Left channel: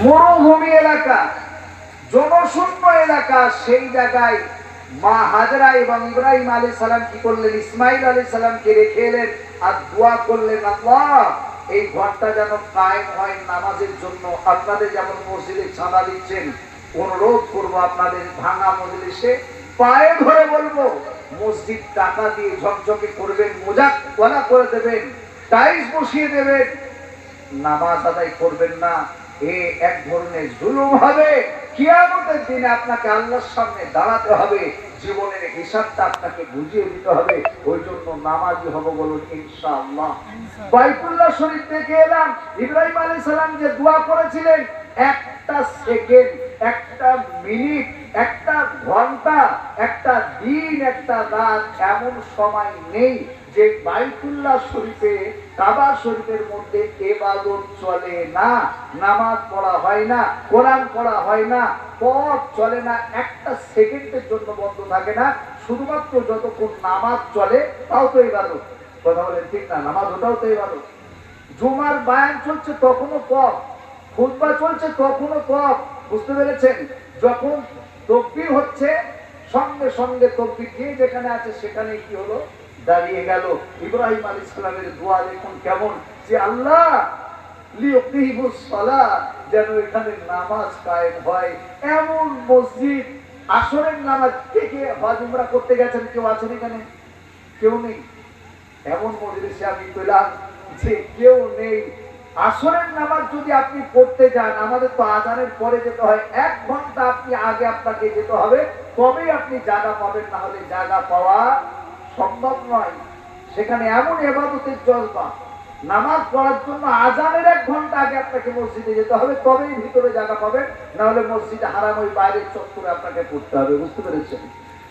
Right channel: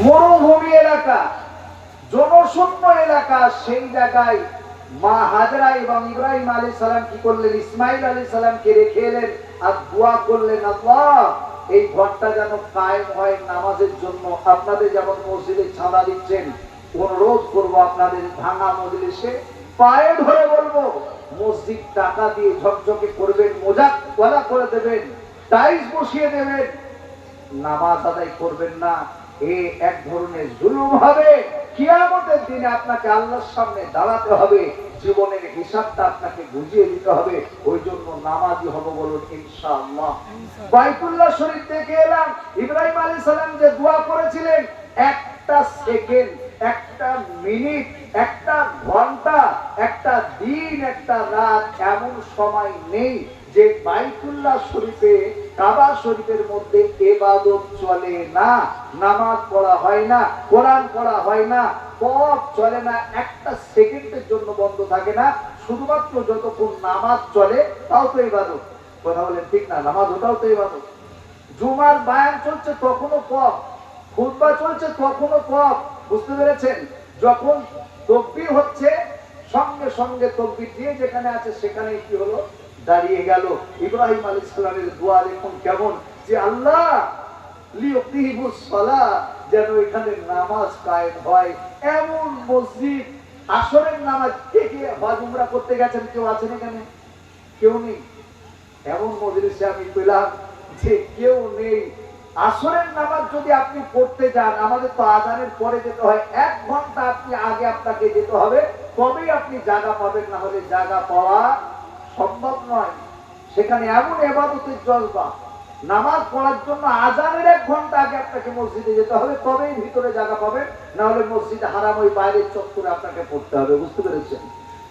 মরুভূমি এলাকা, জনশূন্য এলাকা, সেই জায়গায় মা হাজরা এবং ইব্রাহিম আলাইহিস সালাম কি করলেন? ইসমাইল আলাইহিস সালামকে রেখে এলেন আর দোয়া করলেন, আল্লাহ এই ঘরটা যেন কায়েম হয় নামাজের জন্য। আপনাদের যেমন মসজিদে চাঁদা দিচ্ছেন, অনুরোধ করবো আপনাদের ভাঙা মজলিসে পায়ে ধরে বলবো, মসজিদ টাকা দিয়ে ঝকঝকে করবেন, মোজাক ওয়ালা করে দেবেন, টাইলস বসিয়ে দেবেন, নামাজ আদায় করবেন না, এ এক ধরনের জুলুম হবে। কিয়ামতের দিনে আপনাকে আল্লাহর সামনে দাঁড়াতে হবে, জীবনের হিসাবটা আপনাকে বুঝিয়ে দিতে হবে। ওই জন্য নামাজি হব, বলুন ইনশাআল্লাহ। বাইতুল্লাহ শরীফ থেকে এলাম, ইব্রাহিম আলাইহিস সালাম যে দোয়া করেছিলেন, একটা সেকেন্ড, একটা মিনিট, একটা ঘন্টা, একটা দিন, একটা রাত এমন সময় নেই যে বাইতুল্লাহ শরীফে, কাবা শরীফের মধ্যে ইবাদত চলে না, নামাজ পড়া হয় না, কোরআন পড়া হয় না, পথ চলে না, একটা সেকেন্ডের জন্য বন্ধ থাকে না। শুধুমাত্র যতক্ষণ নামাজ চলে তাও তো ইবাদত। কথা বলেন ঠিক না? নামাজ ওটাও তো ইবাদত। জুমার বায়ান চলছে তখনও পথ, খুতবা চলছে তখনও পথ। বুঝতে পেরেছেন? যখন তাকবীর হচ্ছে সঙ্গে সঙ্গে তাকবীর দিয়ে যেখানে আছে সেখানে কি হলো? দাঁড়িয়ে গেল। ইব্রাহিম আলাইহিস সালামের দোয়া দেখুন কেমন, যে আল্লাহ লিউকিমুস সালাহ, যেন এখানে নামাজ কায়েম হয়। এমন মসজিদ, আসরের নামাজ কে কে হজ উমরা করতে গেছেন? কেউ আছেন এখানে? কেউ নেই। এমন মজলিসে আমি পেলাম যে কেউ নেই। আসরের নামাজ যদি আপনি পড়তে যান, আমাদের তো আযানের পরে যেতে হয়, 1 ঘন্টা আপনি আগে আপনাকে যেতে হবে, তবেই আপনি জায়গা পাবেন, না হলে জায়গা পাওয়া সম্ভব নয়। সেখানে এমন ইবাদতের জজবা, নামাজ পড়ার জন্য আযানের 1 ঘন্টা আগে আপনাকে মসজিদে যেতে হবে, তবেই ভিতরে জায়গা পাবেন, না হলে মসজিদে হারাম ওই বাইরের চত্বরে আপনাকে পড়তে হবে। বুঝতে পেরেছেন?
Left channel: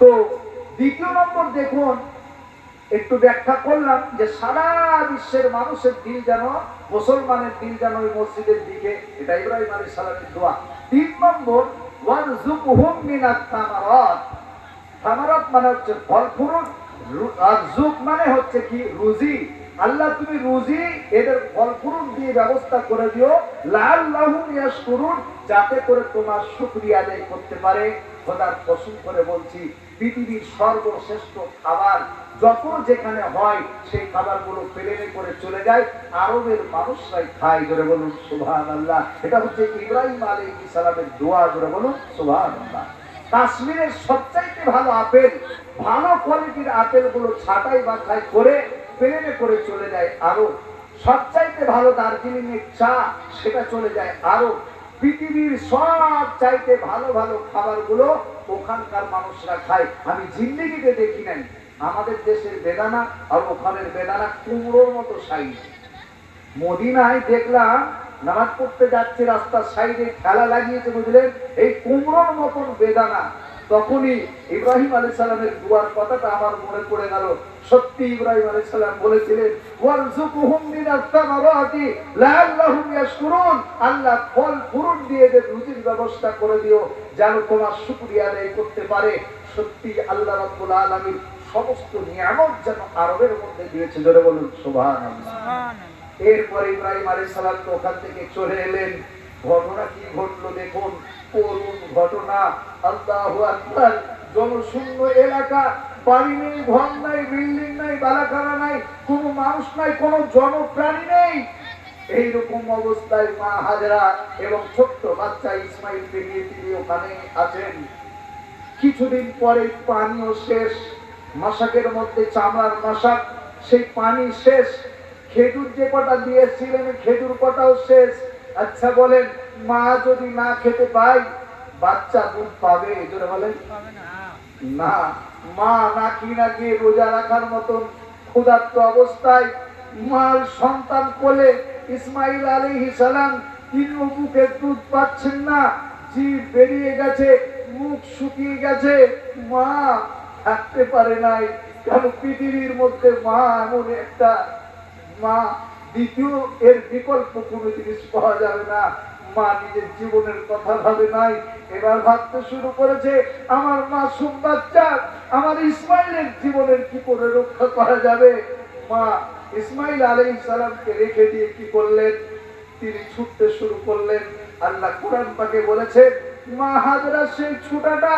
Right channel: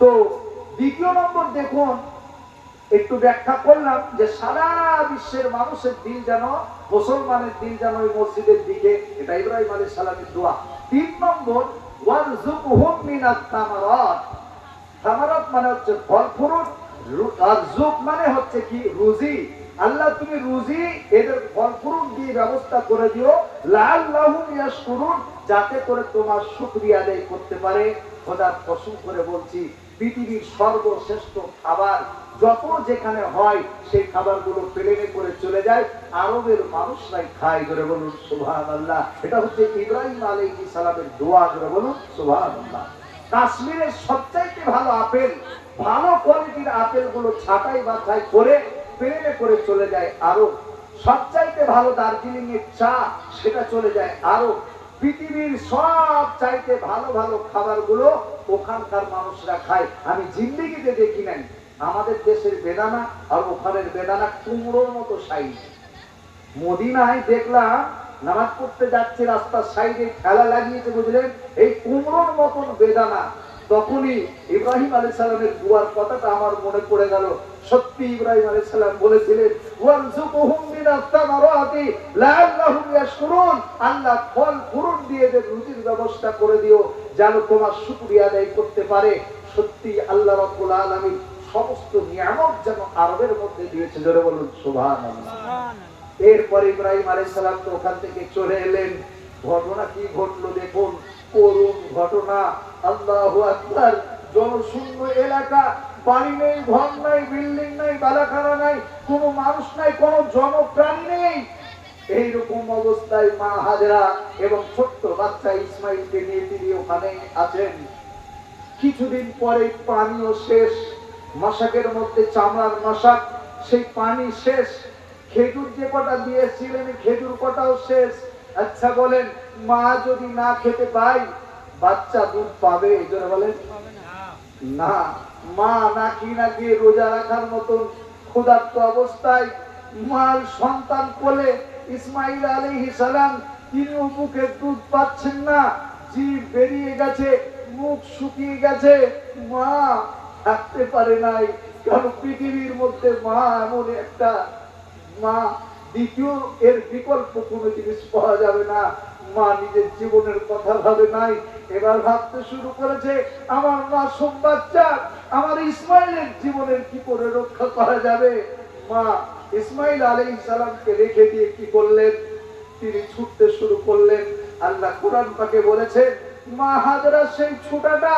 তো দ্বিতীয় নম্বর দেখুন, একটু ব্যাখ্যা করলাম যে সারা বিশ্বের মানুষের দিল যেন, মুসলমানের দিল যেন ওই মসজিদের দিকে, এটা ইব্রাহিম আলাইহিস সালামের দোয়া। 3 নম্বর, ওয়ারযুকহুম মিনাত তামারাত। তামারাত মানে হচ্ছে ফল ফ্রুট, রাযুক মানে হচ্ছে কি? রুজি। আল্লাহ তুমি রুজি এদের ফল ফ্রুট দিয়ে ব্যবস্থা করে দিও, লাআল্লাহুম ইয়াশকুরুন, যাতে করে তোমার শুকরিয়া আদায় করতে পারে। খোদার কসম করে বলছি, পৃথিবীর সর্বশ্রেষ্ঠ খাবার যত যেখানে হয়, সেই খাবারগুলো প্লেনে করে চলে যায়, আরবের মানুষরাই খায়। জোরে বলুন সুবহানাল্লাহ। এটা হচ্ছে ইব্রাহিম আলাইহিস সালামের দোয়া। জোরে বলুন সুবহানাল্লাহ। কাশ্মীরের সবচাইতে ভালো আপেল, ভালো কোয়ালিটির আপেলগুলো ছাঁটাই বাছাই করে প্লেনে করে চলে যায় আরব। সবচাইতে ভালো দার্জিলিং এর চা, সেটা চলে যায় আরব। পৃথিবীর সব চাইতে ভালো ভালো খাবারগুলো ওখানকার মানুষরা খায়। আমি জিন্দেগিতে দেখি নাই। আমাদের দেশের বেদানা আর ওখানের বেদানা কুমড়োর মতো সাইজ। মদিনায় দেখলাম নামাজ পড়তে যাচ্ছে, রাস্তার সাইডে ঠেলা লাগিয়েছে, বুঝলেন, এই কুমড়োর মতন বেদানা। তখনই ইব্রাহিম আলাইহিস সালামের দুয়ার কথাটা আমার মনে পড়ে গেল। সত্যি ইব্রাহিম আলাইহিস সালাম বলেছিলেন, ওয়ারযুকহুম মিনাত তামারাতি লাআল্লাহুম ইয়াশকুরুন, আল্লাহ ফল ফ্রুট দিয়ে এদের রুজির ব্যবস্থা করে দিও, যেন তোমার শুকরিয়া আদায় করতে পারে। সত্যি আল্লাহ রাব্বুল আলামিন সমস্ত নিয়ামত যেন আরবের মধ্যে দিয়েছে। জোরে বলুন সুবহানাল্লাহ। এরপর ইব্রাহিম আলাইহিস সালাম তো ওখান থেকে চলে এলেন। ঘটনা কি ঘটলো দেখুন, করুণ ঘটনা। আল্লাহু আকবার। জনশূন্য এলাকা, বাড়ি নেই, ঘর নাই, বিল্ডিং নাই, বালাখানা নাই, কোনো মানুষ নাই, কোনো জনপ্রাণী নেই। এইরকম অবস্থায় মা হাজেরা এবং ছোট্ট বাচ্চা ইসমাইলকে নিয়ে তিনি ওখানে আছেন। কিছুদিন পরে পানিও শেষ, মশাকের মধ্যে চামড়ার মশাক, সেই পানি শেষ। খেজুর যে কটা দিয়েছিলেন, খেজুর কটাও শেষ। আচ্ছা বলেন, মা যদি না খেতে পায়, বাচ্চা দুধ পাবে? এজন্য বলেন না। মা নাকি নাকি রোজা রাখার মতন ক্ষুধার্ত অবস্থায় মার সন্তান কোলে ইসমাইল আলাইহিস সালাম, তিনি বুকের দুধ পাচ্ছেন না, জিভ বেরিয়ে গেছে, মুখ শুকিয়ে গেছে, মা থাকতে পারে নাই। কারণ পৃথিবীর মধ্যে মা এমন একটা মা, দ্বিতীয় এর বিকল্প কোনো জিনিস পাওয়া যাবে না। মা নিজের জীবনের কথা ভাবে নাই, এবার ভাবতে শুরু করেছে, আমার মাসুম বাচ্চা, আমার ইসমাইলের জীবনের কি করে রক্ষা করা যাবে। মা ইসমাইল আলাইহিস সালামকে রেখে দিয়ে কি করলেন? তিনি ছুটতে শুরু করলেন। আল্লাহ কোরআন পাকে বলেছেন মা হাজরা সেই ছোটাটা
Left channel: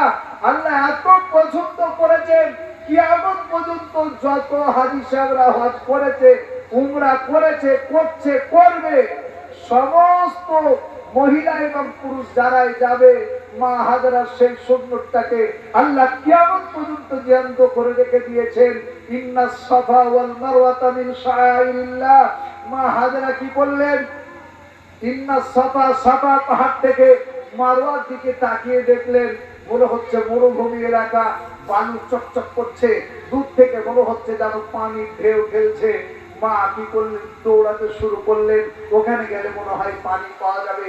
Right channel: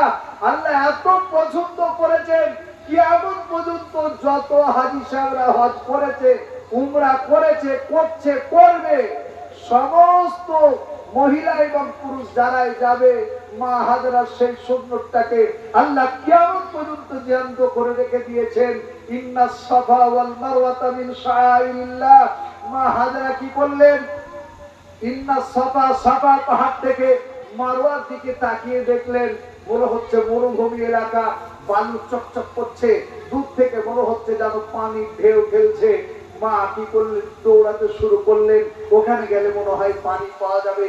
আল্লাহ এত পছন্দ করেছেন কিয়ামত পর্যন্ত যত হাজী সাহেবরা হজ করেছে উমরা করেছে করছে করবে সমস্ত মহিলা এবং পুরুষ যারাই যাবে মা হাজরা সেই সুন্নতটাকে আল্লাহ কিয়ামত পর্যন্ত জ্যান্ত করে রেখে দিয়েছেন ইন্নাস সাফা ওয়াল মারওয়াতা মিন শাআইরিল্লাহ মা হাজরা কি বললেন ইন্নাস সাফা সাফা পাহাড় থেকে মারওয়ার দিকে তাকিয়ে দেখলেন মনে হচ্ছে মরুভূমি এলাকা বালু চকচক করছে দূর থেকে মনে হচ্ছে যেন পানির ঢেউ খেলছে মা কি করলেন দৌড়াতে শুরু করলেন ওখানে গেলে মনে হয় পানি পাওয়া যাবে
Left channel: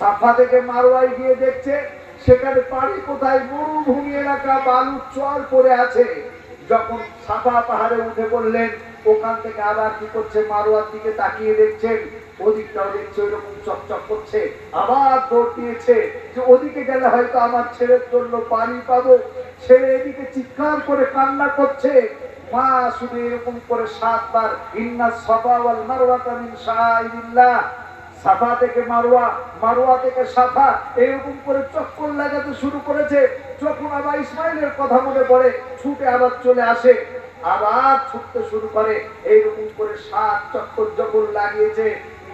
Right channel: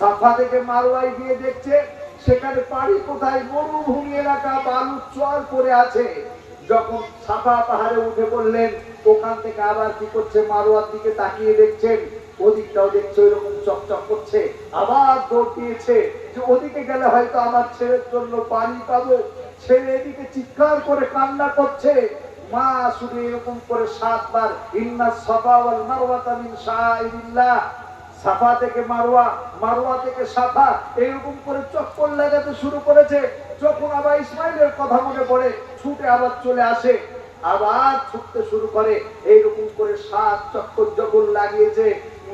সাফা থেকে মারওয়ায় গিয়ে দেখছে সেখানে পানি কোথায় মরুভূমি এলাকা বালু চর পড়ে আছে যখন সাফা পাহাড়ে উঠে পড়লেন ওখান থেকে আবার কি করছে মারওয়ার দিকে তাকিয়ে দেখছেন ওদিকটাও দেখছে ওইরকম চকচক করছে আবার দৌড় দিয়েছে যে ওদিকে গেলে হয়তো আমার ছেলের জন্য পানি পাবো ছেলে এদিকে চিৎকার করে কান্না করছে মা শুধু এরকম করে 7 বার ইন্নাস সাফা ওয়াল মারওয়াতা মিন শাআইরিল্লাহ সাফা থেকে মারওয়া মারওয়া থেকে সাফা এরকম করে চক্কর লাগাতে শুরু করেছে যখন আবার ইসমাইলের কথা মনে পড়ে ছুটে আবার চলে আসে আবার ছুটতে শুরু করে এইরকম করে 7 চক্কর যখন লাগিয়েছে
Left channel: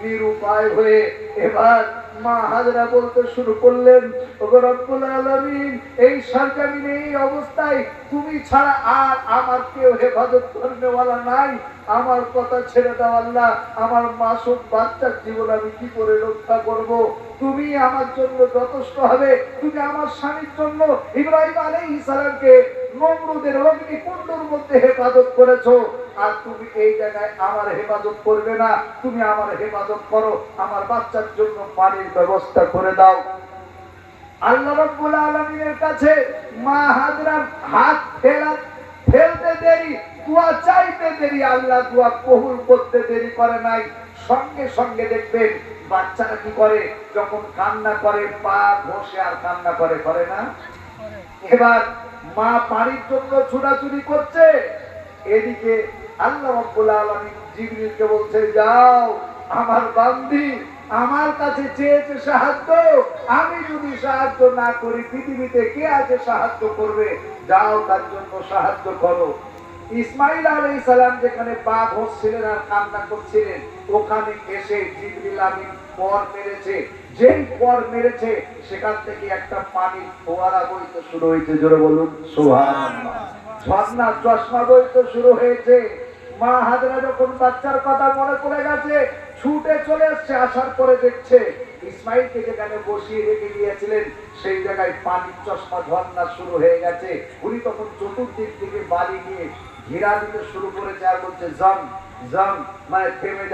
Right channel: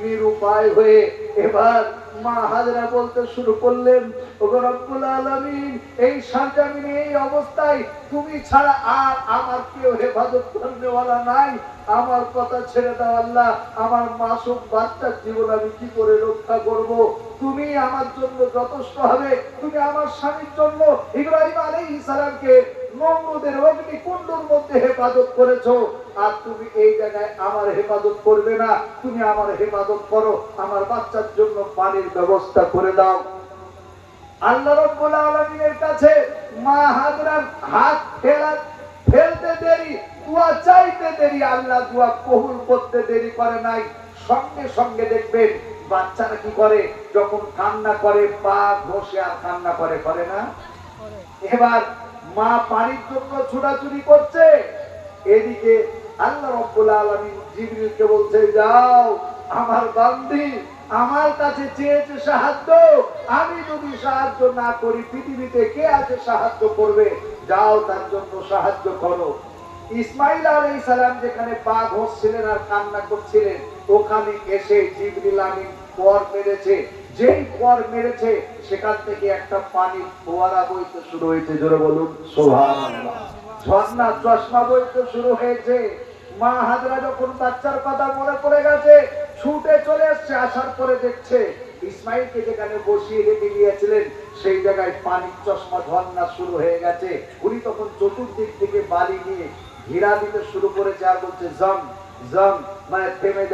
নিরুপায় হয়ে এবার মা হাজরা বলতে শুরু করলেন ওগো রব্বুল আলামিন এই সরজমিনে এই অবস্থায় তুমি ছাড়া আর আমার কেউ হেফাজত করনেওয়ালা নাই আমার কথা ছেড়ে দাও আল্লাহ আমার মাসুম বাচ্চার জীবন আমি কি করে রক্ষা করব তুমি আমার জন্য যথেষ্ট হবে তুমি আমার স্বামীর জন্য ইব্রাহিম আলাইহিস সালামকে নমরুদের অগ্নিকুণ্ডের মধ্যে হেফাজত করেছো আর তুমি এই জায়গায় আমার হেফাজত করবে না তুমি আমার হেফাজত করো আমার বাচ্চার জন্য পানির ব্যবস্থা করে দাও আল্লাহ রাব্বুল আলামিনের কাছে মা হাজরার হাত ফেলতে দেরি দোয়া চাইতে দেরি আল্লাহ দোয়া কবুল করতে দেরি করে নাই সঙ্গে সঙ্গে দেখবেন বাচ্চারা কি করে যখন কান্না করে পা ঘষে আর কান্না করে করে না এবার মা পানির জন্য ছোটাছুটি করছে এদিকে আল্লাহ রাব্বুল আলামিন জিবরিলকে বলছে যাও আমার বান্দি আমার কাছে চেয়েছে সাহায্য আমি যদি সাহায্য না করি পৃথিবীতে কে আছে সাহায্য করবে যাও তার জন্য সাহায্য করো ইসমাইল আলাইহিস সালাম যেখানে পা ঘষছিলেন আর কান্না করছিলেন ওখানে এসে জিবরিল আমিন পর মেরেছে যেই পর মেরেছে সেখান থেকে একটা পানির ফোয়ারা বইতে শুরু হয়েছে জোরে বলুন সুবহানাল্লাহ ঝর্ণা চশমা বইতে শুরু হয়েছে মা হাজরা যখন বাচ্চার কথা মনে পড়ে গেছে ছুটে চলে আসছে আসার পরে দেখছে ইসমাইলকে যেখানে বসিয়ে রেখে গিয়েছিলেন সেই জায়গায় পানির চশমা ঝর্ণা শুরু হয়ে গেছে উনি তখন চতুর্দিক থেকে বালি নিয়ে ঘেরা দিতে শুরু করেছে আর বলছে জম জম মানে থেমে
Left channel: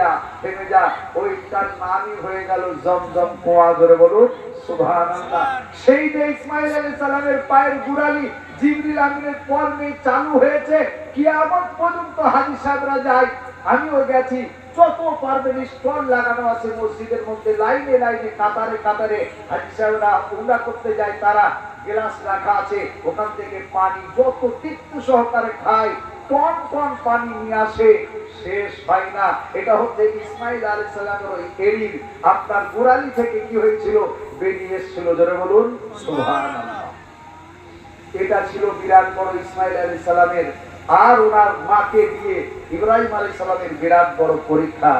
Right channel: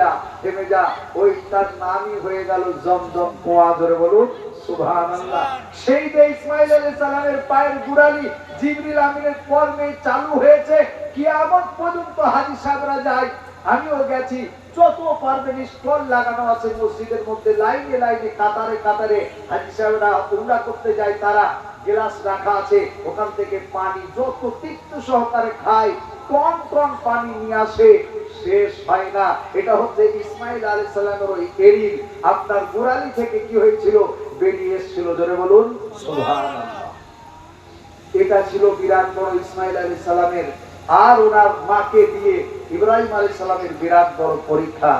যা ওই তার নামই হয়ে গেল জমজম কুয়া ধরে বলুন সুবহানাল্লাহ সেই যে ইসমাইল আলাইহিস সালামের পায়ের গুড়ালি জিবরিল আমিনের কর্মে চালু হয়েছে কিয়ামত পর্যন্ত হাজী সাহেবরা যায় আমিও গেছি যত পারবেন স্টল লাগানো আছে মসজিদের মধ্যে লাইনে লাইনে কাতারে কাতারে হাজী সাহেবরা উমরা করতে যায় তারা গ্লাস রাখা আছে ওখান থেকে পানি যত তৃপ্ত সহকারে খায় টন টন পানি নিয়ে আসে শেষ হয় না এটা হচ্ছে ইসমাইল আলাইহিস সালামের ওই এরির আপনার গোড়ালি থেকে কি হয়েছিল বেরিয়ে এসেছিল জোরে বলুন সুবহানাল্লাহ এটা ছিল বিরাট বড় ইসমাইল আলাইহিস সালামের আর ওনার মাকে দিয়ে ইব্রাহিম আলাইহিস সালামের বিরাট বড় পরীক্ষা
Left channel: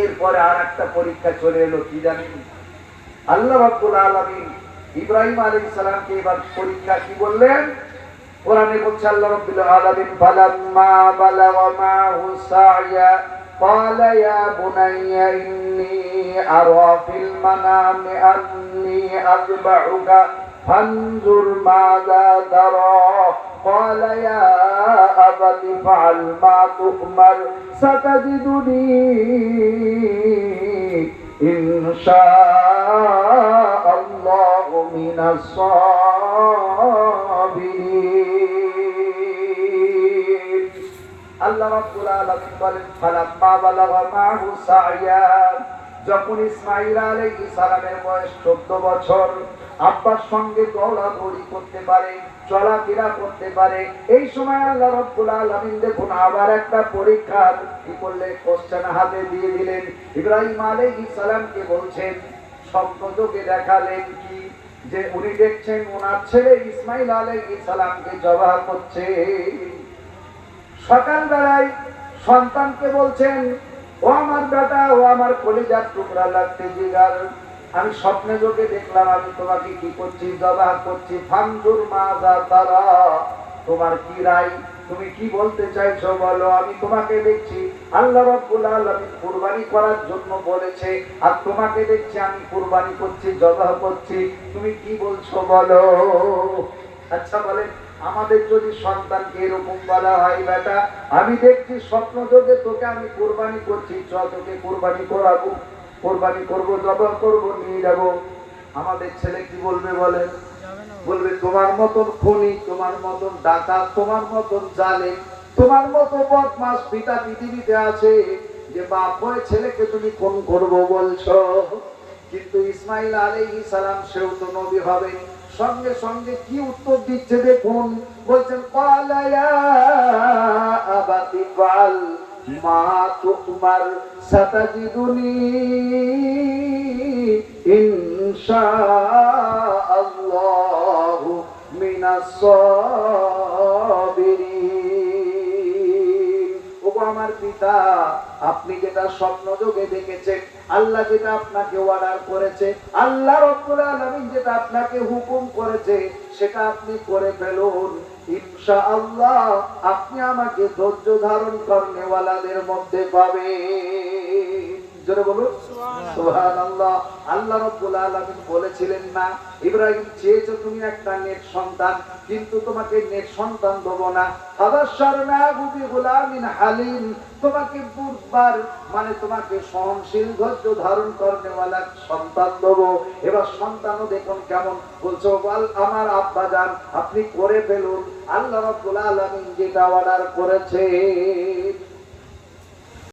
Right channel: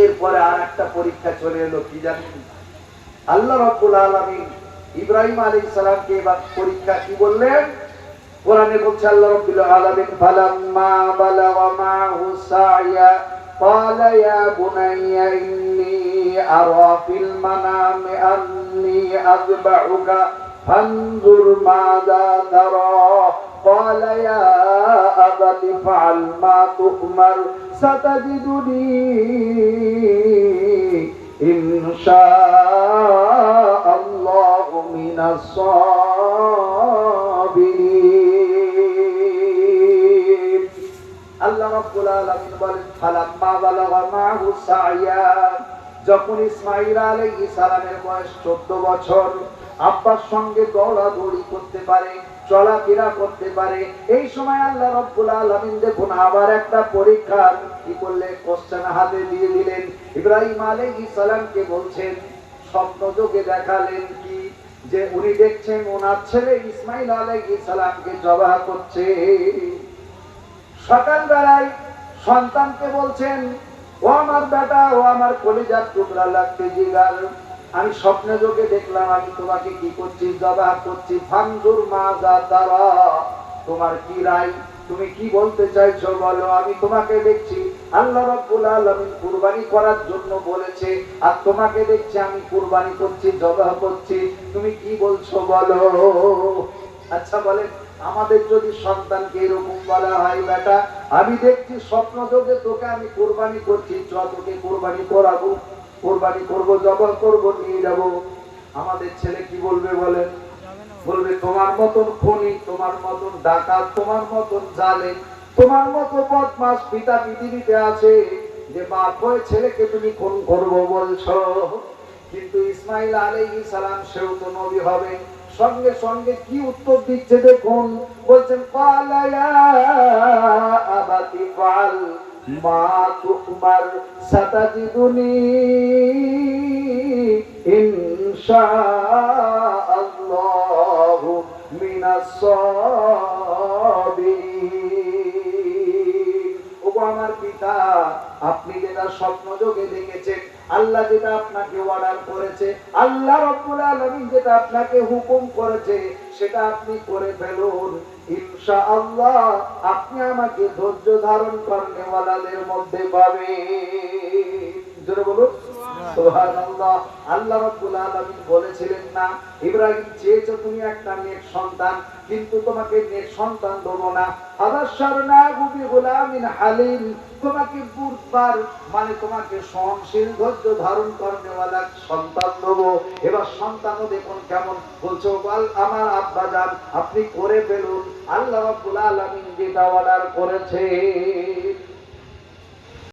এরপরে আর একটা পরীক্ষা চলে এলো কি জানেন আল্লাহ রাব্বুল আলামিন ইব্রাহিম আলাইহিস সালামকে এবার পরীক্ষা কি বললেন কোরআনে বলছে আল্লাহ রাব্বুল আলামিন ফালাম্মা বালাগা মাহু সাইয়া قال يا بني إني أرى في المنام أني أذبحك فانظر ماذا ترى قال يا أبت افعل ما تؤمر ستجدني إن شاء الله من الصابرين আল্লাহ রাব্বুল আলামিন বলেন ফালাম্মা বালাগা মাহু সাইয়া যখন ইসমাঈল আলাইহিস সালামের বয়স 14 বছর আব্বার সঙ্গে দৌড়াদৌড়ি করতে পারে চলাফেরা করতে পারে এই সময় আল্লাহ রাব্বুল আলামিন দেখুন আবার একটা পরীক্ষা কি করলে কোশ্চেন হাতে দিয়ে দিলেন ইব্রাহিম আলাইহিস সালামকে বলছেন স্বপ্ন যোগে দেখালেন কি, যে উনি দেখছেন ওনার ছেলে ইসমাইল আলাইহিস সালামকে জবাহ করছে। সকালবেলায় সন্তানকে বলছেন, ও আমার বেটা, ও আমার কলিজার টুকরা লাগতে জিগার, আমি স্বপ্নে যোগে দেখলাম আমি তোমাকে কি করছি, জবাহ করছি। ফানজুর মাযা তারা, তোমার কি রায়, তুমি কি বলতে চাইছো বলো। আমি তোমাকে দেখছি আল্লাহ রাব্বুল আলামিন কুরবানি করার জন্য বলেছে, আর তোমাকে দেখছি আমি কুরবানি করছি, জবাহ করছি, তুমি কি বলছো বলো। আচ্ছা বলেন, আমাদের যদি সন্তানকে এরকম বলা হয়, বেটা আমি দেখছি স্বপ্ন যোগে তোকে আমি কুরবানি করছি, চল তোকে কুরবানি করাবো, কুরবানি করবো, জবাহ করবো, নিয়ে যাব, আমাদের ছেলে কি বলবে বলেন? বলবে তোমার মতন খুনি, তোমার মতন ডাকাত, তোমার মতন জালেম, তোমার মতো বদমাশ পিতা পৃথিবীতে আছে, যে বাপ হয়ে ছেলেকে তুমি খুন করবো বলছো। কিন্তু ইসমাইল আলাইহিস সালাম, সেও তো নবী হবে, সঙ্গে সঙ্গে কি উত্তর দিচ্ছে দেখুন। বলছেন ক্বালা ইয়া আবাতি ফাল মা তুমার সাতাজিদুনি ইনশাআল্লাহু মিনাস সাবিরিন। ওগো আমার পিতা, আপনি যেটা স্বপ্ন যোগে দেখেছেন, আল্লাহ যেটা আপনাকে অর্ডার করেছে, আল্লাহ রাব্বুল আলামিন যেটা আপনাকে হুকুম করেছে, সেটা আপনি করে ফেলুন। ইনশাআল্লাহ আপনি আমাকে ধৈর্য ধারণ করনেওয়ালাদের মধ্যে পাবেন। জোরে বলুন সুবহানাল্লাহ। আল্লাহ রাব্বুল আলামিন বলেছিলেন না, ইব্রাহিম চেয়েছো তুমি একটা নেক সন্তান, কিন্তু তোমাকে নেক সন্তান দেবো না। ফাবাশশারনাহু বিগুলামিন হালিম, তোমাকে বুধবার মানে তোমাকে সহনশীল ধৈর্য ধারণ করনেওয়ালা সন্তান দেবো। এবার সন্তানও দেখুন কেমন বলছো, বল আমার আব্বা জান আপনি করে ফেলুন, আল্লাহ রাব্বুল আলামিন যেটা অর্ডার করেছে।